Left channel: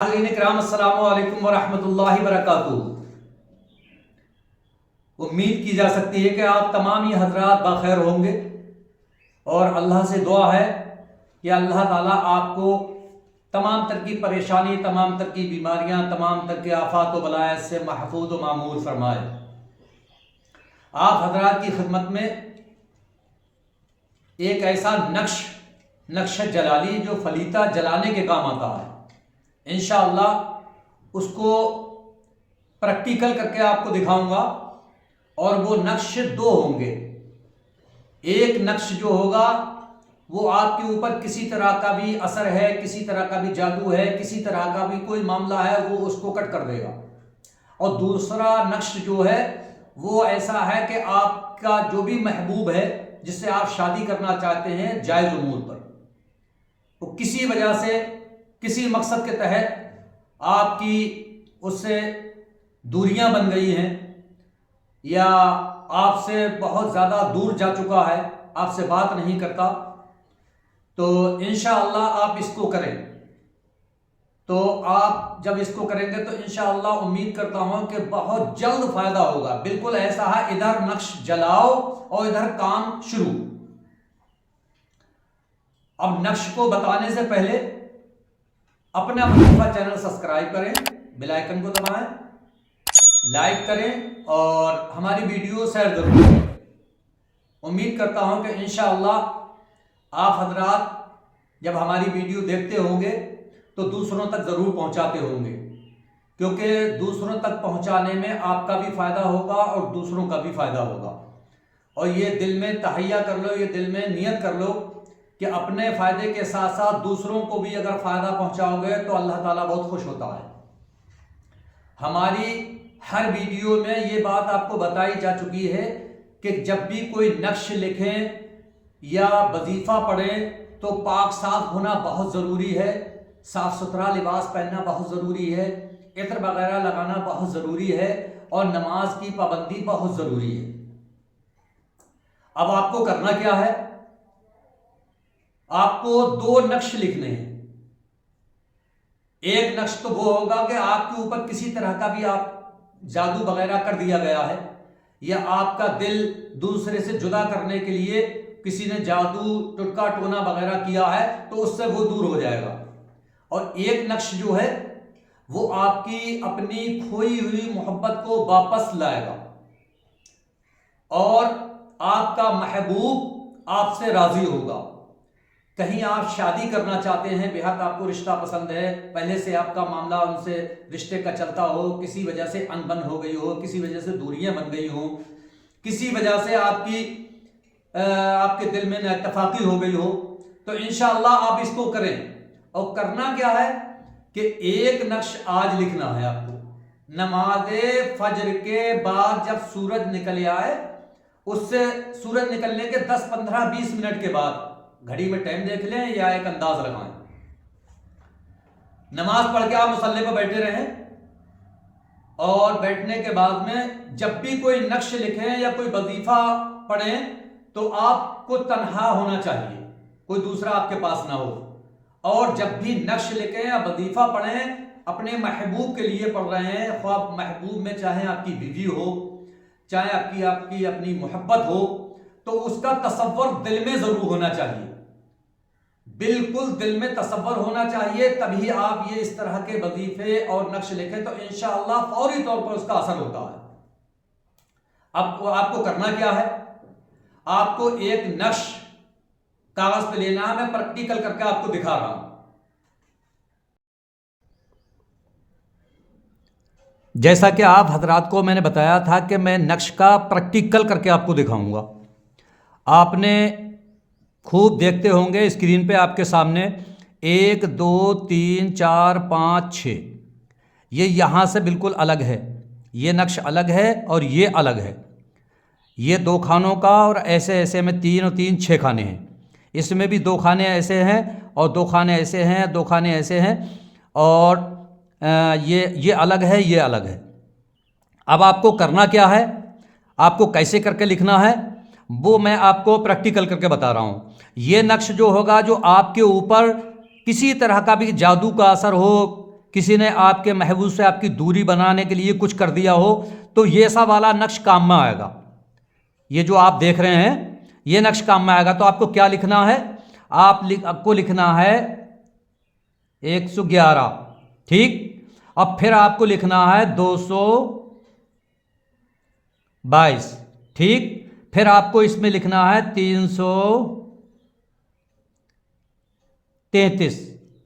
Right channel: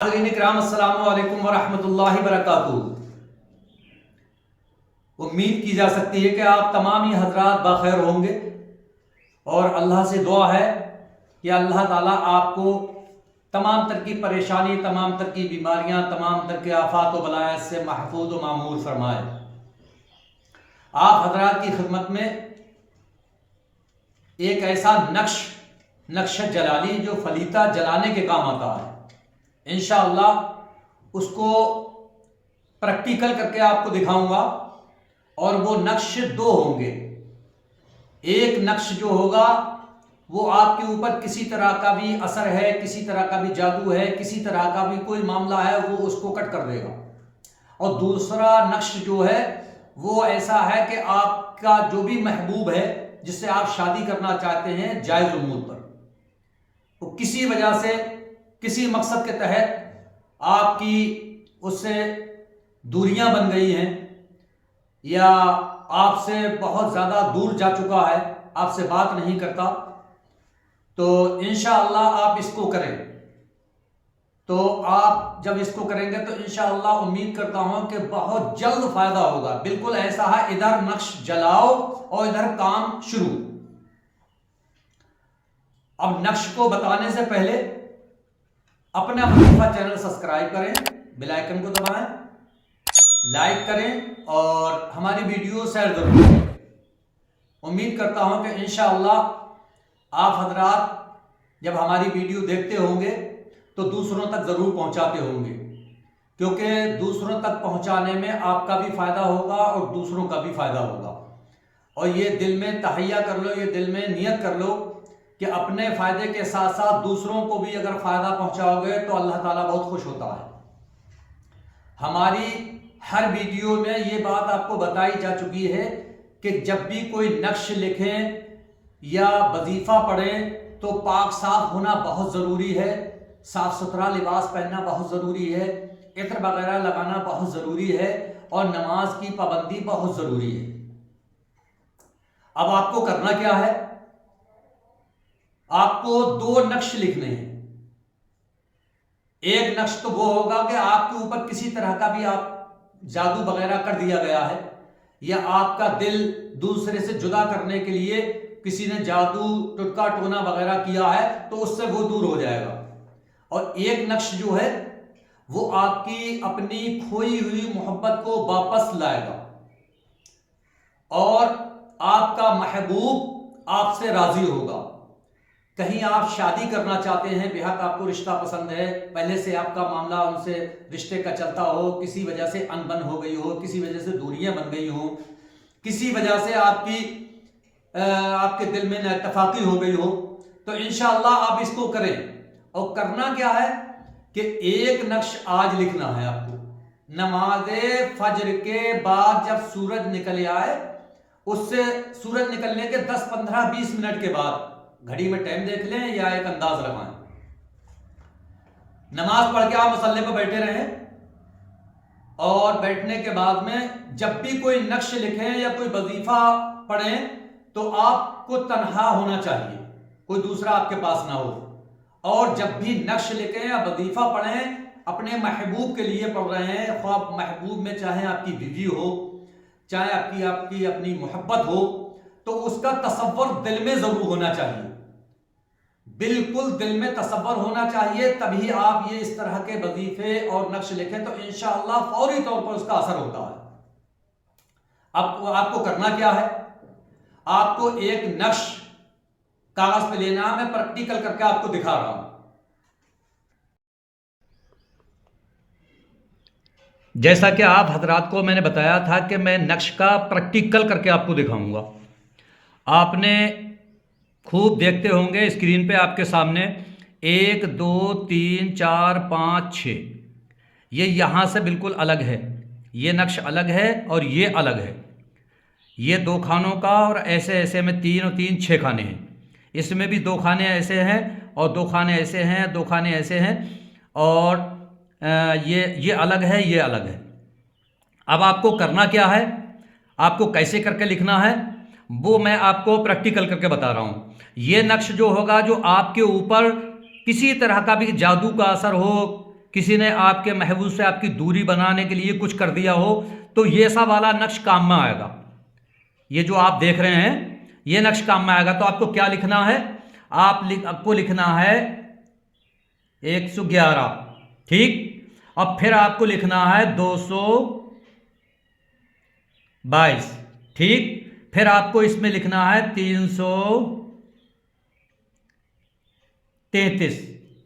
नाज़रीन-ए-किराम, अस्सलामु अलैकुम वरहमतुल्लाहि वबरकातुहू। उम्मीद की जा सकती है कि आप तमाम ही हजरात बाखैर होंगे और अल्लाह से दुआ है कि अल्लाह ताला आपको तमाम तर की परेशानी, तमाम तर की बीमारियाँ, तमाम तर के आफात व बलायत से महफूज व मामूर फरमाए। आप हजरात की खिदमत में एक ऐसा नक्श जलाली जो फलीता जलाने के काम आता है, इंशाअल्लाह उसको प्रैक्टिकल करके आपको दिखाऊंगा। और वो नक्श दो होंगे। एक नक्श जो होगा वो आपके ऊपर किसी तरह का भी असर है, किसी तरह का भी जादू है, किसी तरह का भी कोई मामला है, वो उसको कट कर देगा। और दूसरा नक्श जो है वो ऐसा है कि आपका जो भी महबूब है जिससे आप शादी करना चाहते हैं जायज़ उमूर पर, तो किसी वजह से किसी मकसद के तहत आपकी उससे दूरियां बन गई हैं या आपसे बहुत ज़्यादा दूर जा चुका है, आपसे बात नहीं करता, तो इंशाअल्लाह आप इसको करें। तो आप जब इसको करेंगे तो इंशाअल्लाह उम्मीद करता हूं कि बहुत जल्द फ़ायदा होगा। बिल्कुल ऐसा है, इधर नक्श जलाओ और इधर काम शुरू। अब नक्श को बताने से पहले अपने अपना चैनल सब्सक्राइब करें, बेल आइकन को दबाएं, लाइक करें और हमारी वीडियो शेयर जरूर करें। उम्मीद करता हूं कि इंशाअल्लाह आप हजरात जब हमारी वीडियो देखते होंगे तो दूसरों तक ज़रूर पहुंचाते होंगे, क्योंकि दूसरों तक पहुंचाने में आपका भी फ़ायदा होगा और दूसरों का भी फ़ायदा होगा। और ये दिल में तहैया कर लो, ये दिल में नियत कर लो कि अपने फ़ायदे के साथ साथ दूसरों को भी अगर फ़ायदा पहुंचाओगे तो अल्लाह ताला बहुत खुश होता है। हमारी हर वीडियो में ये बात आपको बताई जा चुकी है कि जब भी कोई नक्श लिखें या वजीफ़ा पढ़ें तो पाक साफ होना बहुत ज़रूरी है, साफ़ सुथरा लिबास पहनना बहुत ज़रूरी है, इत्र वगैरह लगाना बहुत ज़रूरी है और नमाज की पाबंदी बहुत ज़रूरी है। अब आपको करना क्या है, आपको दो नक्श लिखने हैं। एक नक्श तो वो होगा कि आपके ऊपर किसी तरह का भी आप जादू वगैरह कर दिया गया है या आपका दिल दूसरे से जुदा करने के लिए किसी ने जादू टुटका टोना वगैरह किया है, तो उससे वो दूर हो जाएगा। और एक नक्श जो है वो आपकी अपनी खोई हुई मोहब्बत को वापस लाएगा और आपका महबूब आपसे राजी होगा। कहीं आप शादी करना चाहते हैं, बेहद आपको रिश्ता पसंद है, पहले से आपका मामला उनसे रिश्ते का चलता हो, किसी वजह से अनबन हो गई हो, किसी वजह से दूरियां बन गई हो, किसी वजह से आपके दिल में नाइत्तफाकी हो गई हो, तो इंशाअल्लाह आप इसको करें। और करना क्या है कि एक नक्श आज लिखना है आपको। नमाज फजर के बाद जब सूरज निकल आए, उससे सूरज निकलने के 10, 15, 20 मिनट के बाद घड़ी में टाइम देख लें या एक अंदाज लगाएं, नमाज पढ़ के आप मुसल्ले पर बैठे रहें और बैठने के बाद में जब भी कोई नक्श लिखें या कोई वजीफा पढ़ें तो आपको तन्हा होना चाहिए, कोई दूसरा आपके पास ना हो। और जब भी नक्श लिखें या वजीफा पढ़ें, अपने महबूब के लिए पढ़ रहे हैं, ख्वाब महबूब में चाहे आपकी बीवी हो, चाहे आपकी अपनी मोहब्बत हो, तो उसका तसव्वुर दिल में जरूर होना चाहिए, बिल्कुल दिल में तसव्वुर होना चाहिए। तभी आप ये इस तरह के वजीफे और नक्श लिखें तो इंशाअल्लाह फौरी तौर पर उसका असर होता है। अब आपको करना क्या है, आपको एक नक्श कागज पे लेना है, मैं प्रैक्टिकल करके आपको दिखा रहा हूं। जैसा कि आप हजरात को मैंने बताया था कि मैं नक्श का प्रैक्टिकल करके आपको दिखाऊंगा। आपने खूब देखते होंगे स्क्रीन पे आपके सामने 1, 2, 3, 4, 5, 6, ये यहाँ से बिल्कुल अलग है, ये नक्श अलग है और ये अलग है। ये 2 खानों का और ऐसे ऐसे में 3 और 3 6 खाने हैं। इसमें भी 2 खाने ऐसे हैं और 2 खाने ऐसे हैं, 2 खाने ऐसे हैं और ये अलग है, ये अलग है। अब आपको करना क्या है, आपको कैसे करके लिखना है, वो मैं आपको प्रैक्टिकल करके बता रहा हूँ। ये नक्श जो होगा, जो आपके ऊपर किसी तरह का भी जादू का असर हो, किसी ने आपके महबूब से आपकी दूरी बनाने के लिए कुछ कर दिया हो, तो ये सब वाला नक्श काम में आएगा। ये जो आप देख रहे हैं ये नक्श काम में आएगा। तो आपको क्या लिखना है, आपको लिखना है 111, ठीक। अब फिर आपको लिखना है 222, ठीक। फिर आपको इसमें लिखना है 333,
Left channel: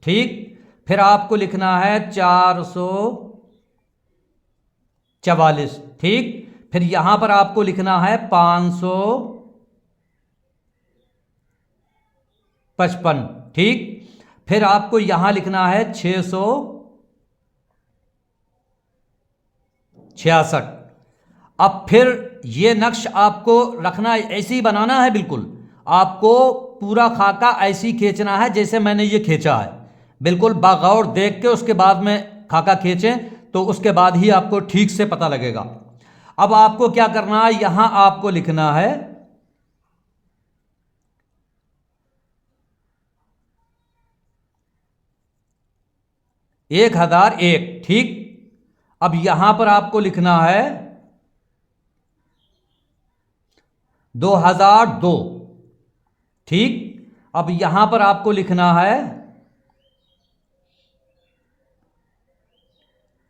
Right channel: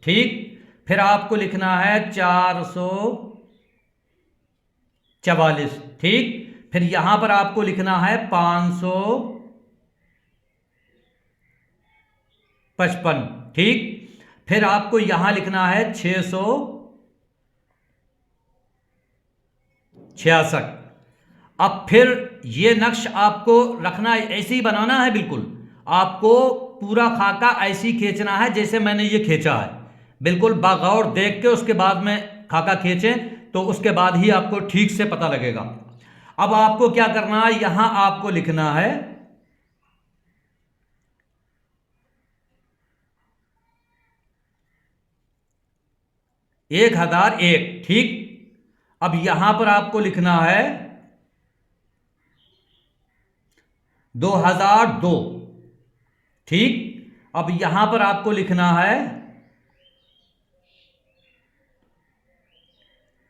ठीक। फिर आपको लिखना है 444, ठीक। फिर यहां पर आपको लिखना है 555, ठीक। फिर आपको यहां लिखना है 666। अब फिर ये नक्श आपको रखना ऐसे ही बनाना है, बिल्कुल आपको पूरा खाका ऐसे ही खींचना है जैसे मैंने ये खींचा है। बिल्कुल बागौर देख के उसके बाद में खाका खींचें, तो उसके बाद ही आपको ठीक से पता लगेगा। अब आपको क्या करना है, यहां आपको लिखना है 1001, ठीक। अब यहां पर आपको लिखना है 2002, ठीक। अब यहां पर आपको लिखना है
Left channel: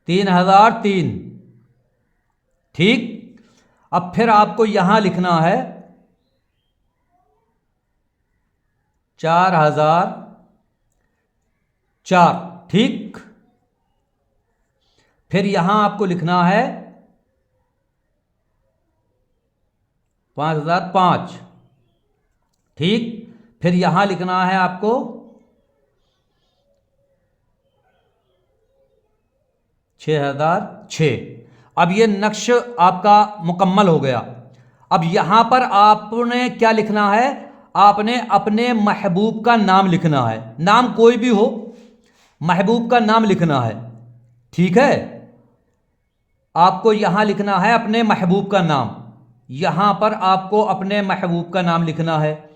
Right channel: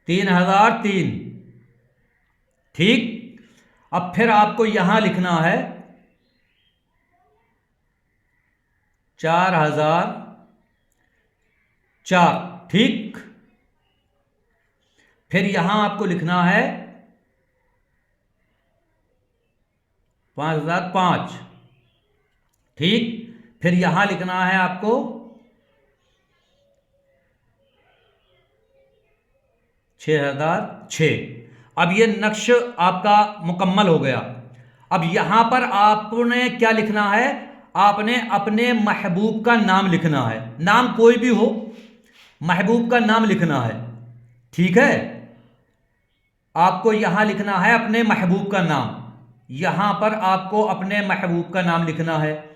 3003, ठीक। अब फिर आपको यहां लिखना है 4004, ठीक। फिर यहां आपको लिखना है 5005, ठीक। फिर यहां लिखना है आपको 6006। अब ये नक्श आपका मुकम्मल हो गया। अब यहां पर आपने क्या लिखना है, आपने अपने महबूब का नाम लिखना है। नाम कोई भी हो, महबूब का नाम लिखना है, ठीक है। आपको यहां लिखना है अपने महबूब का नाम। यहां पर आपको अपने महबूब का नाम लिखना है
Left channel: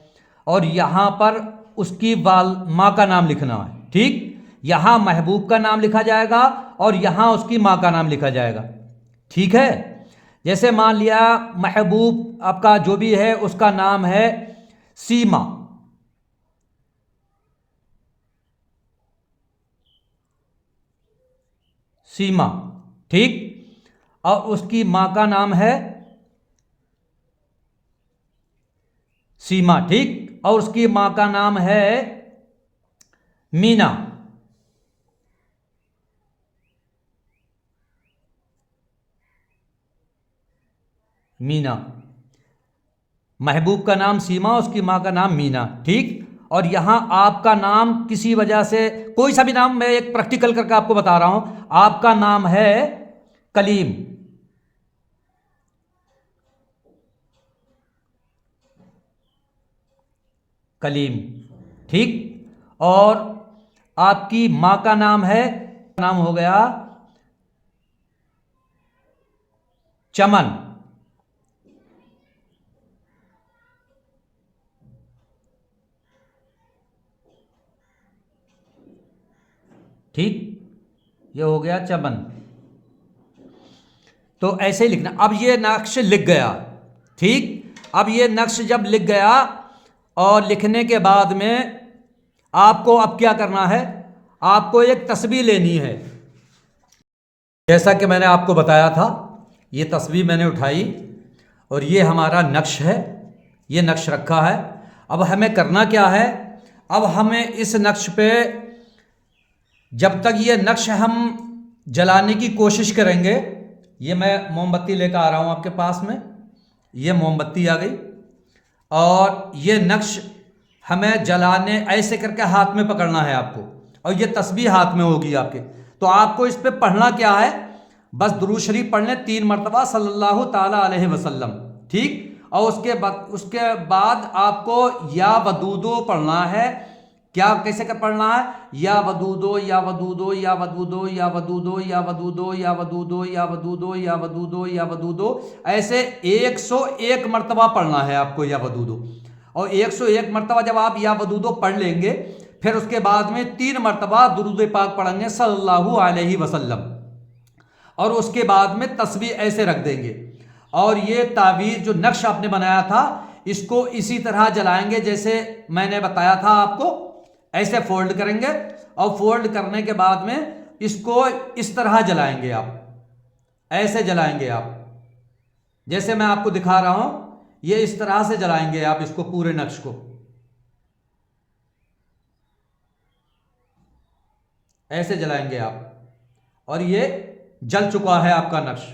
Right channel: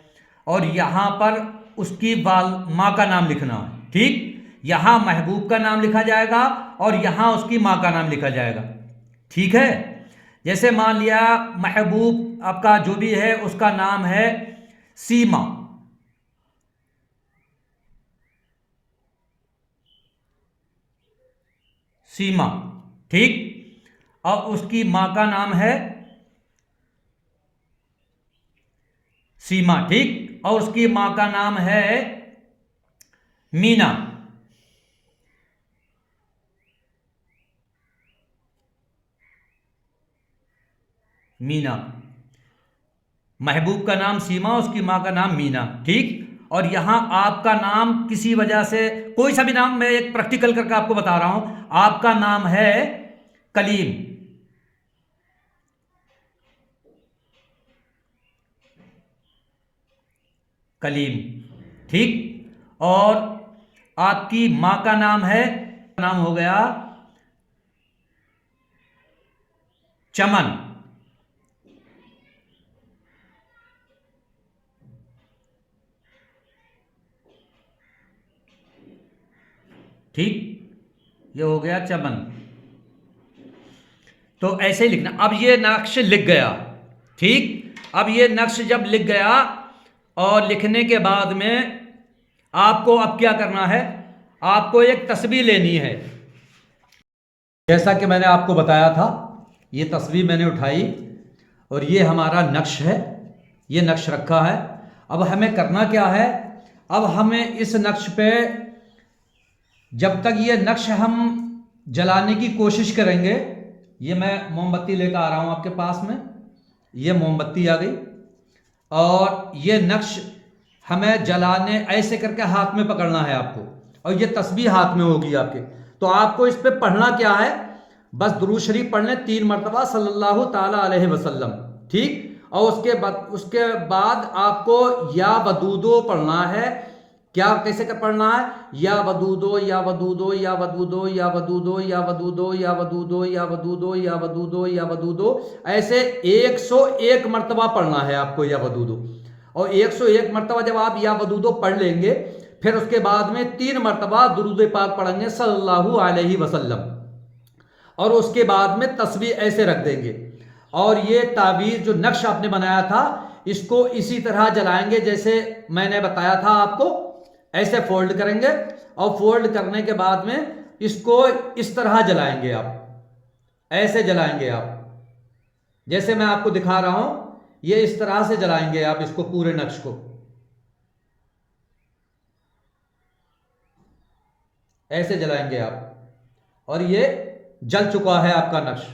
और यहां पर उसकी माँ का नाम लिखना है, ठीक। यहां महबूब का नाम लिखा जाएगा और यहां उसकी माँ का नाम लिखा जाएगा, ठीक है। जैसे मान लिया महबूब आपका जो भी है उसका नाम है सीमा, सीमा, ठीक। और उसकी मां का नाम है सीमा, ठीक। और उसकी मां का नाम है मीना, मीना। महबूब का नाम सीमा, उसकी मां का नाम मीना, ठीक। और यहां आपका नाम किसी वजह से कोई सा भी नाम, मैं एक प्रैक्टिकल करके आपको बता रहा हूं, आपका नाम है कलीम, कलीम, ठीक। और आपकी मां का नाम है, नाम हो गया चमन, ठीक। ये हो गया चमन। तो ऐसे ही लिखना। अब ये नक्श लिख गया, ठीक। अब ये नक्श जब लिख गया और लिखने के बाद में आपको अब क्या करना है, आपको एक तस्वीर लेनी है। जैसा कि मैंने आपको बताया था, ये तस्वीर मैंने उठाई और ये हमारा नक्श है, ये नक्श रखा है। अब हमें करना क्या है, अब हमें इस नक्श पे जब तक ये नक्श हम जलाने की कोशिश करेंगे, ये मैं मोमबत्ती लेकर आ रहा हूं आपके पास में, ये मोमबत्ती आ गई और ये नक्श हमें जलाने ऐसे करके हाथ में पकड़ना है आपको, और ये तस्बीह हाथ में होगी आपके। तो आपको इस पे पढ़ना क्या है, बस दुरूद शरीफ पढ़ लें 3 मरतबा सल्लल्लाहु ताला अलैहि वसल्लम, ठीक। और उसके बाद आपको या वदूदो पढ़ना है। क्या कैसे कर पढ़ना है, या वदूदो या वदूदो या वदूदो या वदूदो या वदूदो या वदूदो या वदूदो या वदूदो या वदूदो, ऐसे 101 मरतबा पढ़ना है आपको या वदूदो। और 101 मरतबा जब आप या वदूदो पढ़ लेंगे, फिर उसके बाद में 3 मरतबा दुरूद पाक पढ़ेंगे सल्लल्लाहु अलैहि वसल्लम, और उसके बाद में तस्बीह ऐसे रख देंगे। और ये तावीज़ जो नक्श आपने बनाया था इसको इसी तरह जलाएंगे जैसे मैंने बताया था आपको। ऐसे फोल्ड करेंगे और फोल्ड करने के बाद में इसको इस तरह जलाएंगे आप, ऐसे जलाएंगे आप, जैसे मैं आपको दिखा रहा हूं। ये इस तरह से जलाएंगे आप इसको, पूरे नक्श को ऐसे जलाएंगे आप। और ये जल चुका है आपका नक्श,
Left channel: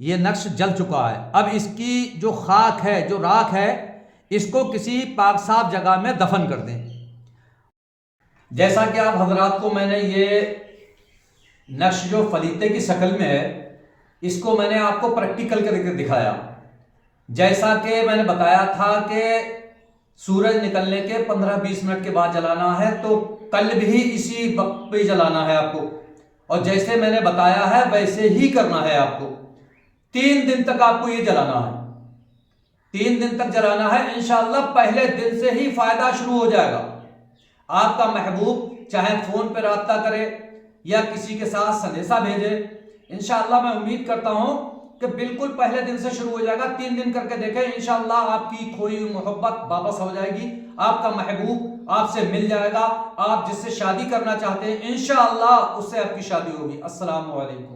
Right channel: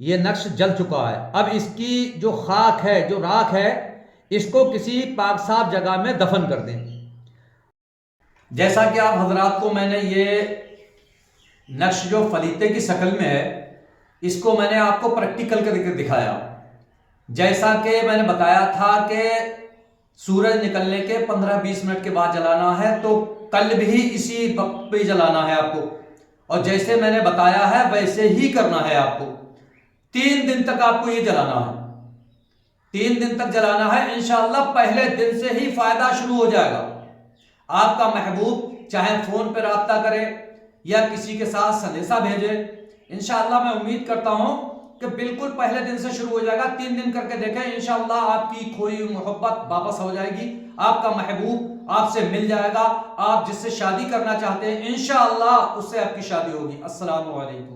ये नक्श जल चुका है। अब इसकी जो खाक है, जो राख है, इसको किसी पाक साफ जगह में दफन कर दें। जैसा कि आप हजरात को मैंने ये नक्श जो फलीते की शक्ल में है, इसको मैंने आपको प्रैक्टिकल करके दिखाया। जैसा कि मैंने बताया था कि सूरज निकलने के 15-20 मिनट के बाद जलाना है, तो कल भी इसी वक्त पे जलाना है आपको। और जैसे मैंने बताया है वैसे ही करना है आपको। 3 दिन तक आपको ये जलाना है, 3 दिन तक जलाना है। इंशाअल्लाह पहले दिन से ही फायदा शुरू हो जाएगा। आपका महबूब चाहे फोन पे राब्ता करे या किसी के साथ संदेशा भेजे, इंशाअल्लाह मैं उम्मीद करता हूं कि बिल्कुल पहले दिन से शुरू हो जाएगा। 3 दिन करके देखें, इंशाअल्लाह आपकी खोई हुई मोहब्बत वापस हो जाएगी। आपका महबूब आपसे मिल जाएगा। आप जिससे शादी करना चाहते हैं इंशाअल्लाह उससे आपकी शादी होगी। अस्सलामु अलैकुम।